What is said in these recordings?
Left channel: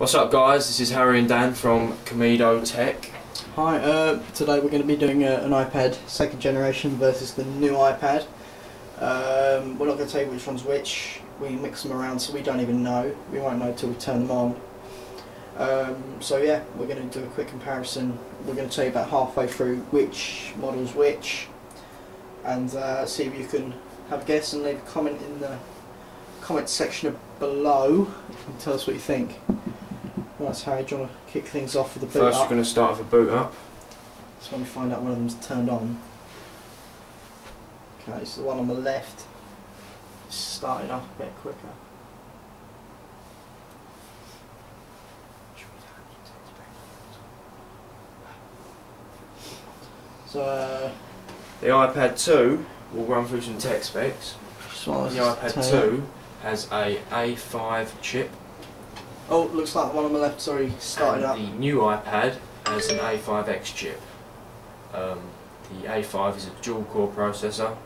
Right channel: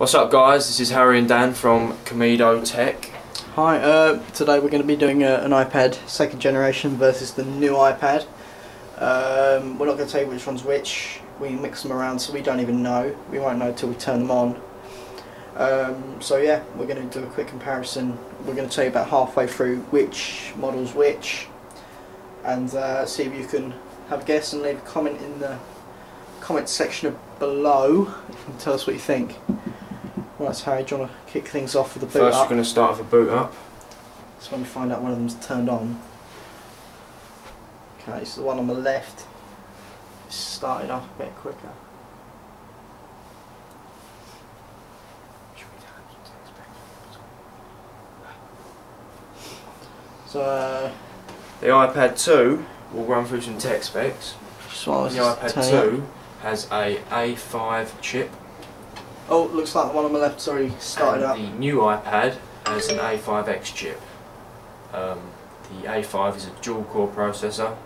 What's up guys, this is Harry and Dan from Comedo Tech. Hi, today we're going to be doing an iPad second generation versus the new iPad. We're not going to tell you which one's which, we mix them around so we don't even know. We won't know until we turn them on. So yeah, we're going to do a quick comparison. We're going to tell you about halfway through which model's which, and see if you can have a guess and leave a comment in the comment section below. You can tell us what you think. Right, so Harry, do you want to kick things off with the boot up? First we're going to start with a boot up. That's when we find out one of them's turned on. Okay, so the one on the left started off a bit quicker. So the iPad 2, we'll run through some tech specs. The iPad 2 has a A5 chip. Oh, looks like the one on the left, sorry, started up. The new iPad has an A5X chip. The A5 is a dual core processor,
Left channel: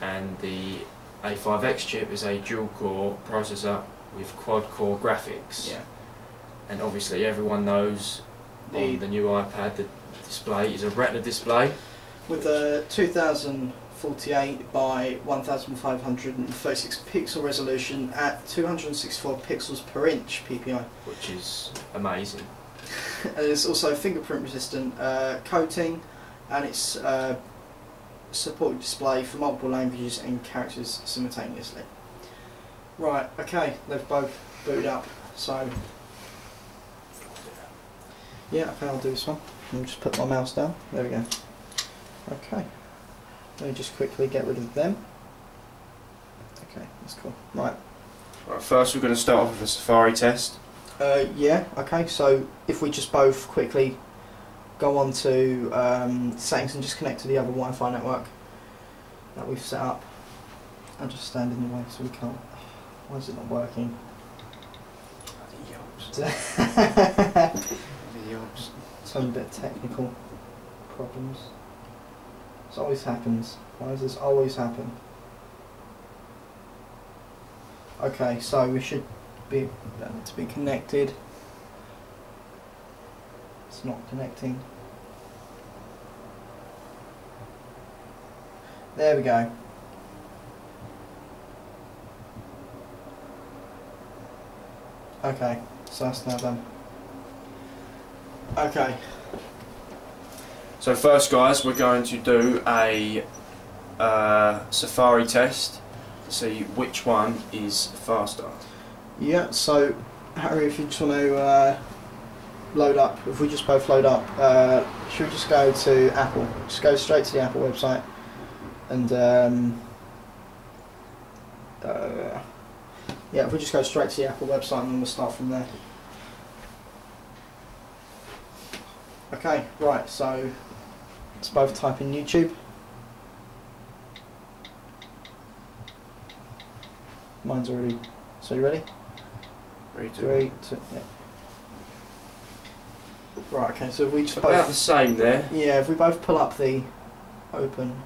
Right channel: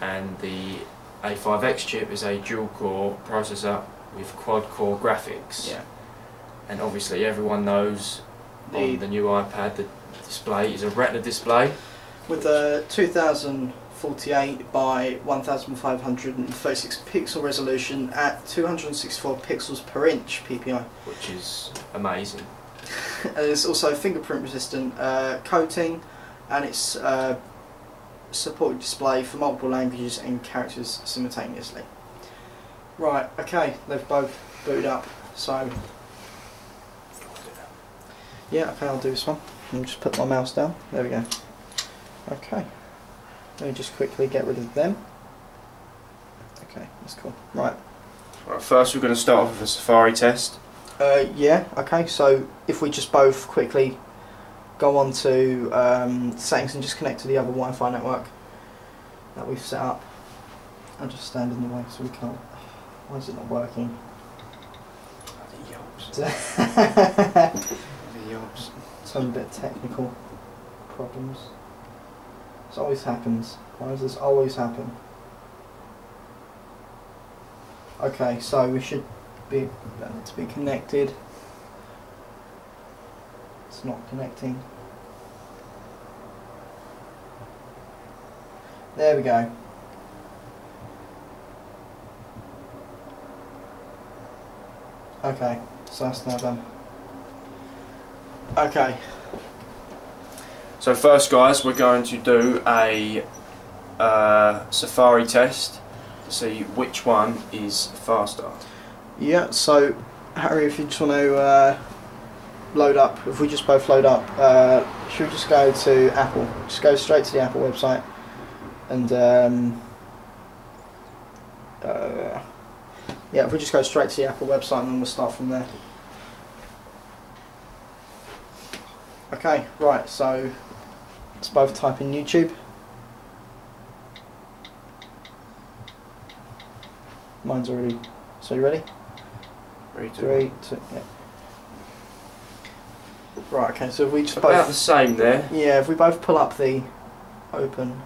and the A5X chip is a dual core processor with quad core graphics. Yeah. And obviously everyone knows on the new iPad the display is a Retina display. With a 2048 by 1536 pixel resolution at 264 pixels per inch PPI. Which is amazing. There's also fingerprint resistant coating, and it's supported display for multiple languages and characters simultaneously. Right, okay, they've both booted up, so yeah, okay, I'll do this one. I'll just put my mouse down, there we go. Okay, let me just quickly get rid of them. Okay, that's cool. Right. Right, first we're going to start off with a Safari test. Yeah, okay, so if we just both quickly go on to settings and just connect to the other Wi-Fi network that we've set up. I'll just stand in the way so we can't. Why is it not working? Bloody yobs. Some bit of technical problems. This always happens. Why does this always happen? Okay, so we should be to be connected. It's not connecting. There we go. Okay, so that's now done. Okay. So first guys, we're going to do a Safari test to see which one is faster. Yeah, so Harry, if you just want to load up, if we just both load up, should we just go to Apple? Just go straight to the Apple website, and yeah, if we just go straight to the Apple website and then we'll start from there. Okay, right, so let's both type in YouTube. Mine's already, so you ready? Ready to 3, 2, yeah. Right, okay, so if we just about both... the same there. Yeah, if we both pull up the open,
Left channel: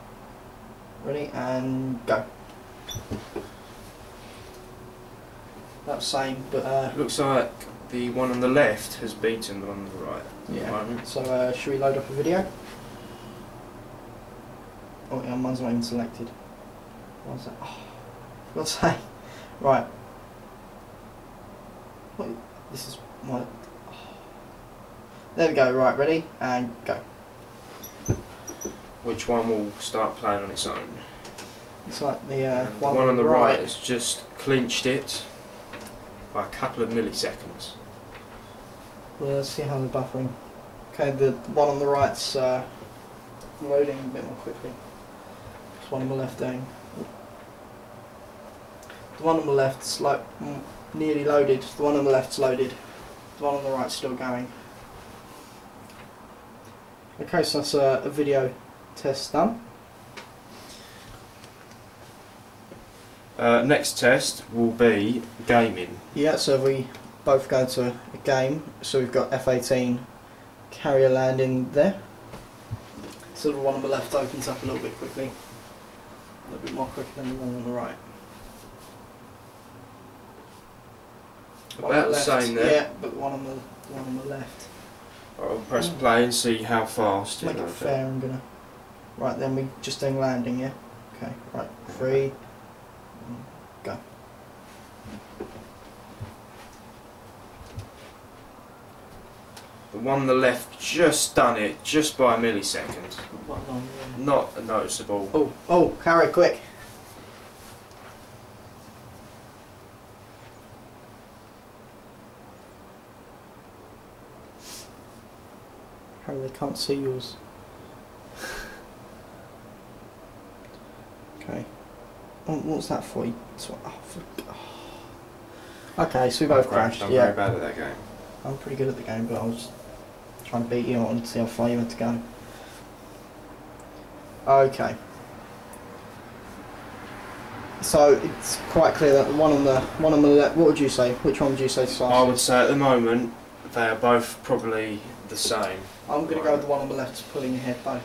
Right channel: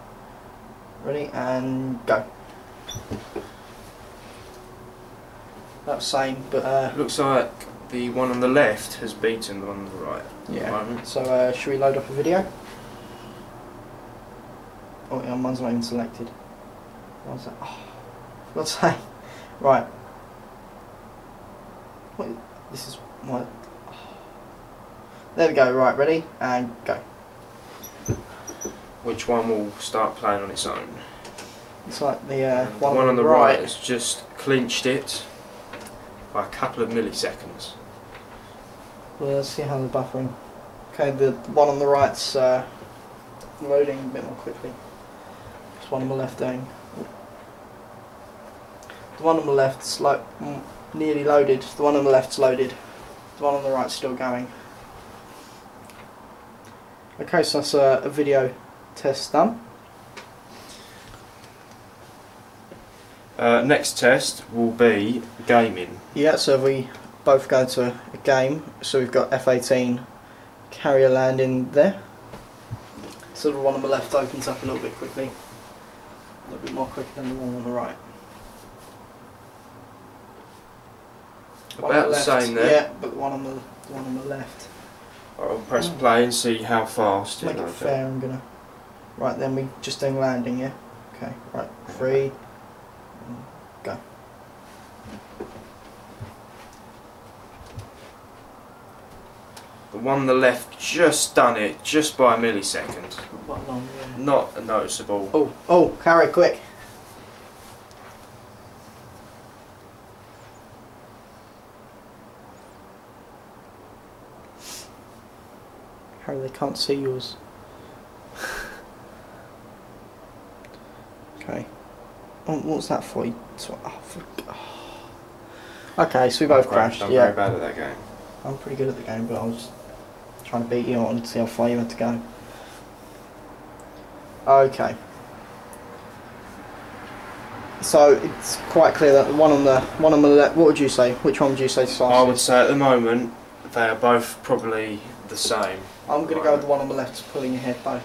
ready, and go. That's same, but... Looks like the one on the left has beaten the one on the right. Yeah, so should we load up a video? Oh yeah, mine's not even selected. What's that? Oh, for God's sake. Right. Wait, this is my... Oh. There we go, right, ready, and go. Which one will start playing on its own? It's like the one on the right has just clinched it by a couple of milliseconds. Well, let's see how they're buffering. Okay, the one on the right's loading a bit more quickly. This one on the left doing. The one on the left's nearly loaded. The one on the left's loaded. The one on the right's still going. Okay, so that's a video test done. Next test will be gaming. Yeah, so we both go to a game. So we've got F18 Carrier Land in there. So the one on the left opens up a little bit quickly. A little bit more quicker than the one on the right. About the same there. Yeah, but the one on the left. I'll press play and see how fast Make it fair. I'm gonna. Right then, we just doing landing. Yeah. Okay. Right. 3. Go. The one on the left just done it, just by a millisecond. Not noticeable. Oh, Harry, quick. Harry, they can't see yours. Okay. What's that for? Okay, so we both crashed. I'm yeah. very bad at that game. I'm pretty good at the game, but I was trying to beat you on to see how far you had to go. Okay. So it's quite clear that the one on the left. What would you say? Which one would you say to start? I would say at the moment they are both probably the same. I'm going to go with the one on the left, pulling ahead though.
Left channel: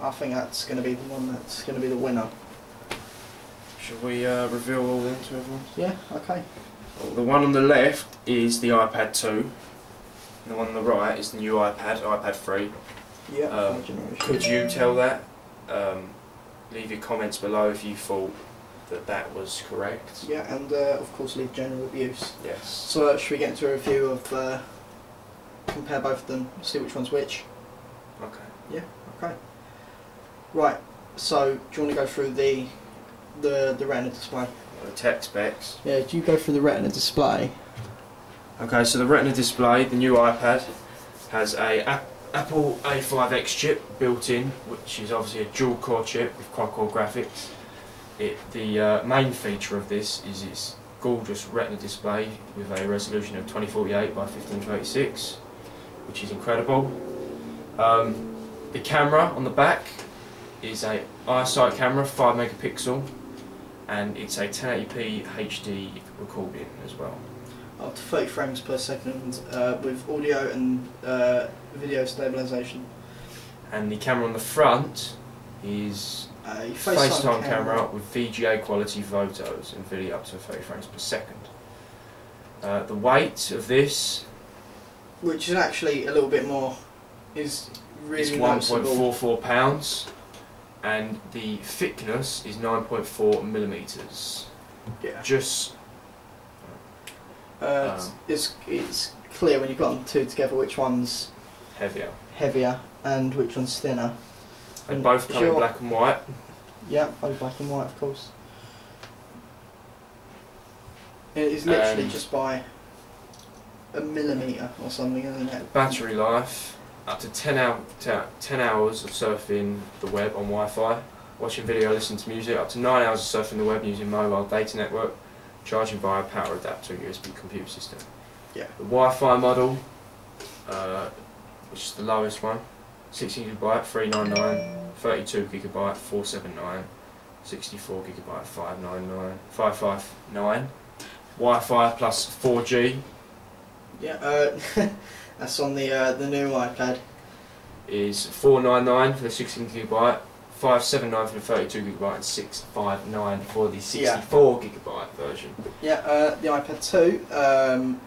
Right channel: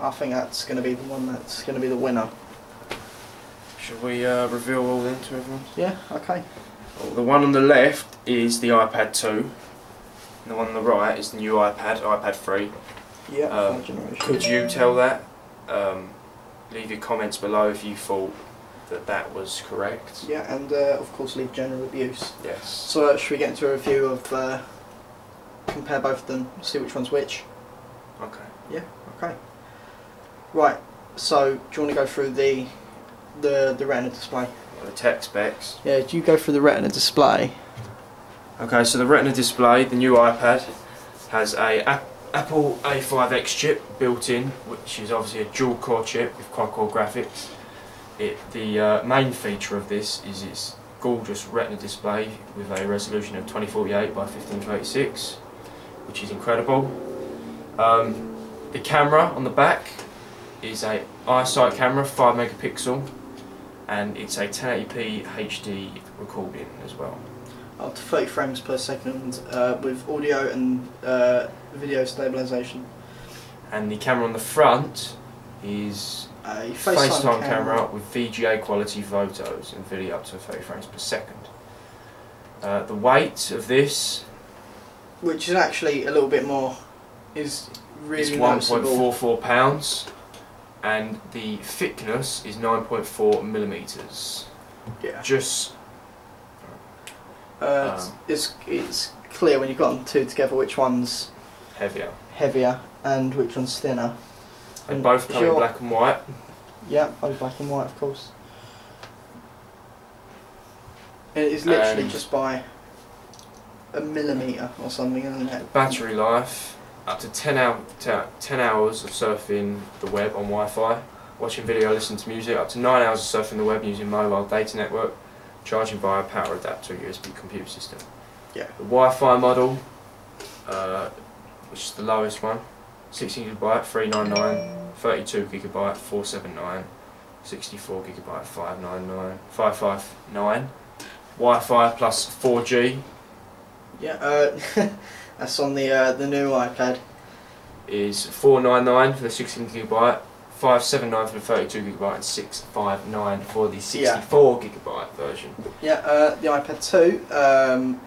I think that's going to be the one that's going to be the winner. Should we reveal all them to everyone? Yeah. Okay. Well, the one on the left is the iPad 2. And the one on the right is the new iPad 3. Yeah. Could you tell that? Leave your comments below if you thought that was correct. Yeah, and of course leave general abuse. Yes. So should we get into a review of compare both of them, see which one's which? Okay. Yeah. Okay. Right. So do you want to go through the Retina display? The tech specs. Yeah. Do you go through the Retina display? Okay, so the Retina display, the new iPad, has a Apple A5X chip built in, which is obviously a dual core chip with quad-core graphics. The main feature of this is its gorgeous Retina display with a resolution of 2048 by 1526, which is incredible. The camera on the back is a iSight camera, 5 megapixel, and it's a 1080p HD recording as well. Up to 30 frames per second with audio and video stabilisation. And the camera on the front is a FaceTime camera with VGA quality photos and video up to 30 frames per second. The weight of this, which is actually a little bit more, is really 1.44 pounds, and the thickness is 9.4 millimeters. Yeah. Just. It's clear when you've got them two together which one's heavier and which one's thinner. They both come in black and white. Yeah, both black and white, of course. It is literally just by a millimetre or something, isn't it? Battery life, up to 10 hours of surfing the web on Wi-Fi, watching video, listening to music, up to 9 hours of surfing the web using mobile data network, charging via power adapter USB computer system. Yeah. The Wi-Fi model, which is the lowest one, 16GB 399, 32GB 479, 64GB 559. Wi-Fi plus 4G. Yeah, that's on the new iPad. Is 499 for the 16GB, 579 for the 32GB, and 659 for the 64GB version. Yeah, the iPad 2.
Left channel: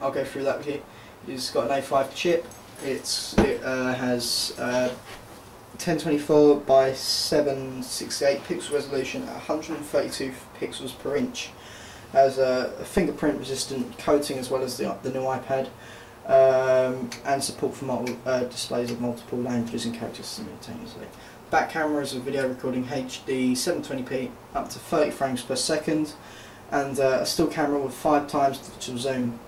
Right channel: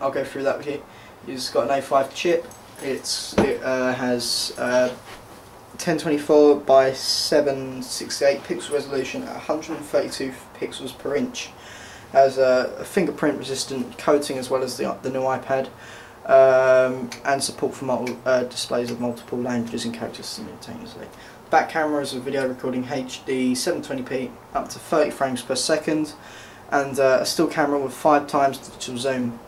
I'll go through that with you. It's got an A5 chip. It has 1024 by 768 pixel resolution at 132 pixels per inch. Has a fingerprint resistant coating as well as the new iPad, and support for displays of multiple languages and characters simultaneously. Back camera is a video recording HD 720p up to 30 frames per second, and a still camera with 5 times digital zoom.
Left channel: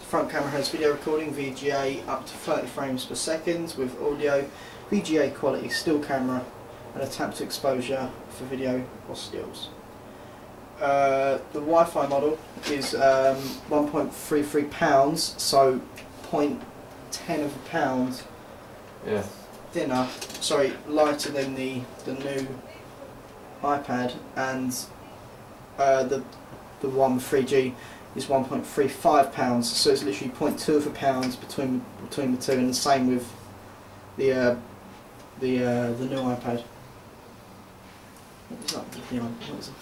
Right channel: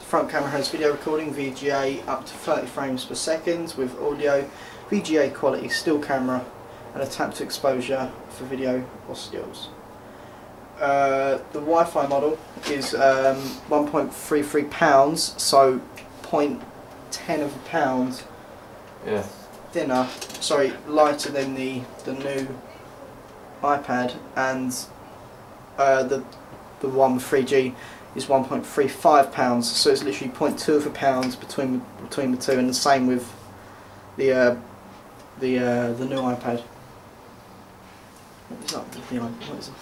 The front camera has video recording VGA up to 30 frames per second with audio, VGA quality still camera, and a tap to exposure for video or stills. The Wi-Fi model is 1.33 pounds, so 0.10 of a pound thinner, sorry, lighter than the new iPad, and the one with 3G is 1.35 pounds, so it's literally 0.2 of a pound between the two, and the same with the new iPad. What is that? What is it?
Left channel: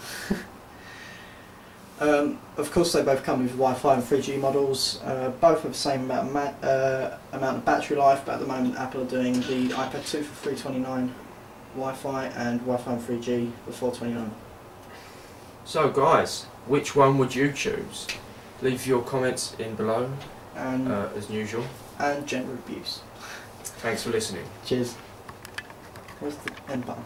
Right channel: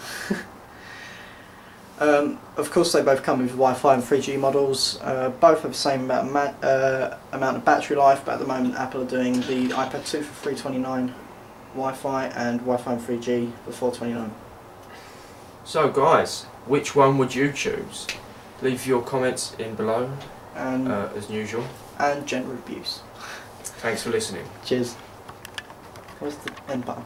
Of course, they both come with Wi-Fi and 3G models. Both have the same amount of battery life, but at the moment Apple are doing the iPad 2 for $329 Wi-Fi and Wi-Fi and 3G for $429. So guys, which one would you choose? Leave your comments in below, And as usual. and general reviews. Thanks for listening. Cheers. Where's the end button?